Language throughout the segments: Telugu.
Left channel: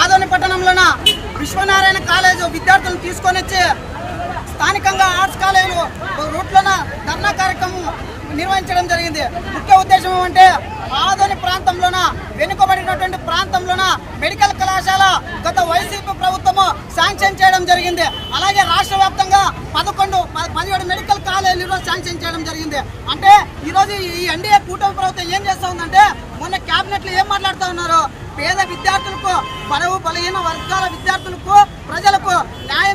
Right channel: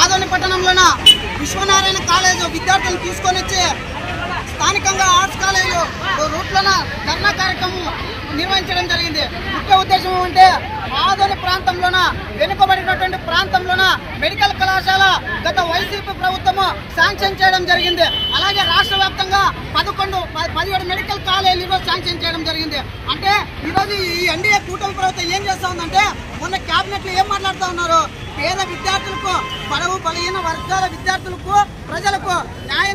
ఆదోని పట్టణంలోన విశ్వనారాయణ కాలేజ్ విద్యార్థులు తీసుకొని వచ్చి స్థానికంగా ఆర్ట్స్ కాలేజీలో రూట్లోన ధర్నా కార్యక్రమం నిర్వహించడం జరిగింది. ముఖ్య ఉద్దేశం ఏమంటే వెనుకబడినటువంటి ప్రాంతంలోన మెడికల్ కళాశాల గత వైసీపీ ప్రభుత్వము శాంక్షన్ చేయడం జరిగింది. అలాగే రాష్ట్ర వ్యాప్తంగా పదకొండు పదిహేడు మెడికల్ కాలేజీలు ఈరోజు శాంక్షన్ చేయడం జరిగింది. అంటే ఈరోజు ఈ ఎన్డీఏ కూటమి ప్రభుత్వం ఏం చేస్తా ఉందంటే మొన్న క్యాబినెట్లో ఏం మాట్లాడుతూ ఉన్నారు? పేద విద్యార్థులకు బలవు బలహీన వర్గాల విద్యార్థులకు ప్రజలకు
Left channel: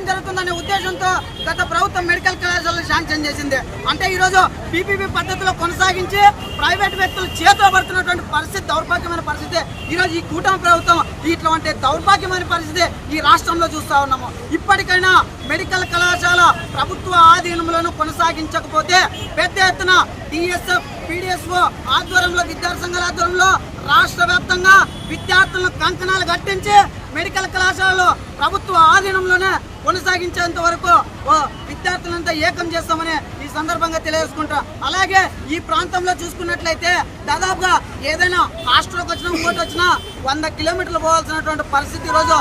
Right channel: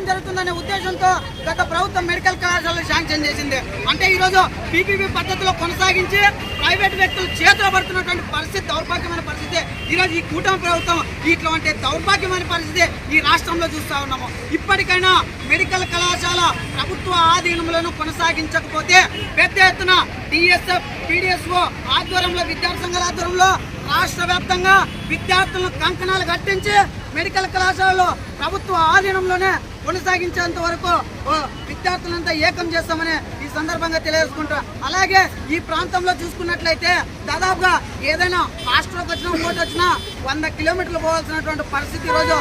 జరుగుతుందనే ఉద్దేశంతో గత ప్రభుత్వం మెడికల్ కళాశాలను శాంక్షన్ చేసింది. అంటే ఈరోజు పీపీపీ పద్ధతిలో కొనసాగించి ప్రైవేట్ వ్యక్తులు చేతిలో పడుతున్నటువంటి పరిస్థితి దౌర్భాగ్యమైన పరిస్థితి. ఈరోజు ఈ కూటమి ప్రభుత్వం ఇటువంటి దౌర్భాగ్యమైన పరిస్థితి ఈ రాష్ట్రంలో చూస్తూ ఉన్నాము. ఇప్పటికైనా మెడికల్ కళాశాల ప్రభుత్వ ఆధీనంలోనూ కొనసాగించకపోతే పెద్ద ఎత్తున డిఎస్ఎఫ్ పీడిఎస్ఓ ఆధ్వర్యంలో విద్యార్థి సంఘాల ఆధ్వర్యంలో రాష్ట్ర వ్యాప్తంగా విద్యార్థులను కంకణాలు కట్టించి మెడికల్ కళాశాలలో ప్రభుత్వ ఆధీనంలోనే కొనసాగించేంత వరకు ఓ విద్యార్థులంతా ఏకం చేస్తామని ఈ సందర్భంగా తెలియజేసుకుంటాం. అలాగే ఈ ప్రాంతంలో చూసుకున్నట్లయితే దాదాపుగా ఏదైనా హాస్టల్కి వచ్చినా ఇంకోటి వచ్చినా వంద కిలోమీటర్లు పోవాల్సినటువంటి పరిస్థితి ఈరోజు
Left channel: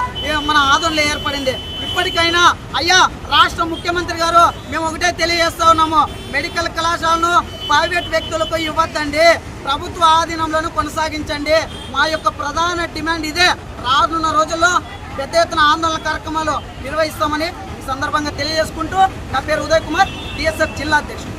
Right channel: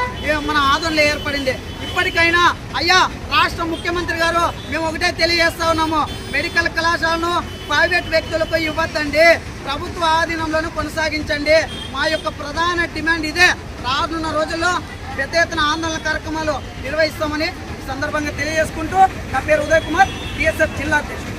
మన ఆదరణలో ఏర్పడింది. ఇప్పటికైనా అయ్యా రాష్ట్ర ముఖ్యమంత్రి గారు మేము ఒకటే తెలియజేస్తా ఉన్నాము మెడికల్ కళాశాలను ప్రైవేట్ వ్యక్తులకు ఇవ్వద్దండి. ప్రభుత్వ ఆధీనంలోనూ కొనసాగించండి. మా యొక్క ప్రధాన డిమాండ్ ఇదే. రానున్న రోజుల్లో పెద్ద ఎత్తున ఆందోళన కార్యక్రమాలు నిర్వహిస్తామని ఈ సందర్భంగా తెలియజేసుకుంటూ నా పేరు ఉదయ్ కుమార్ టీఎస్ఎఫ్ జిల్లా అధ్యక్షుడు.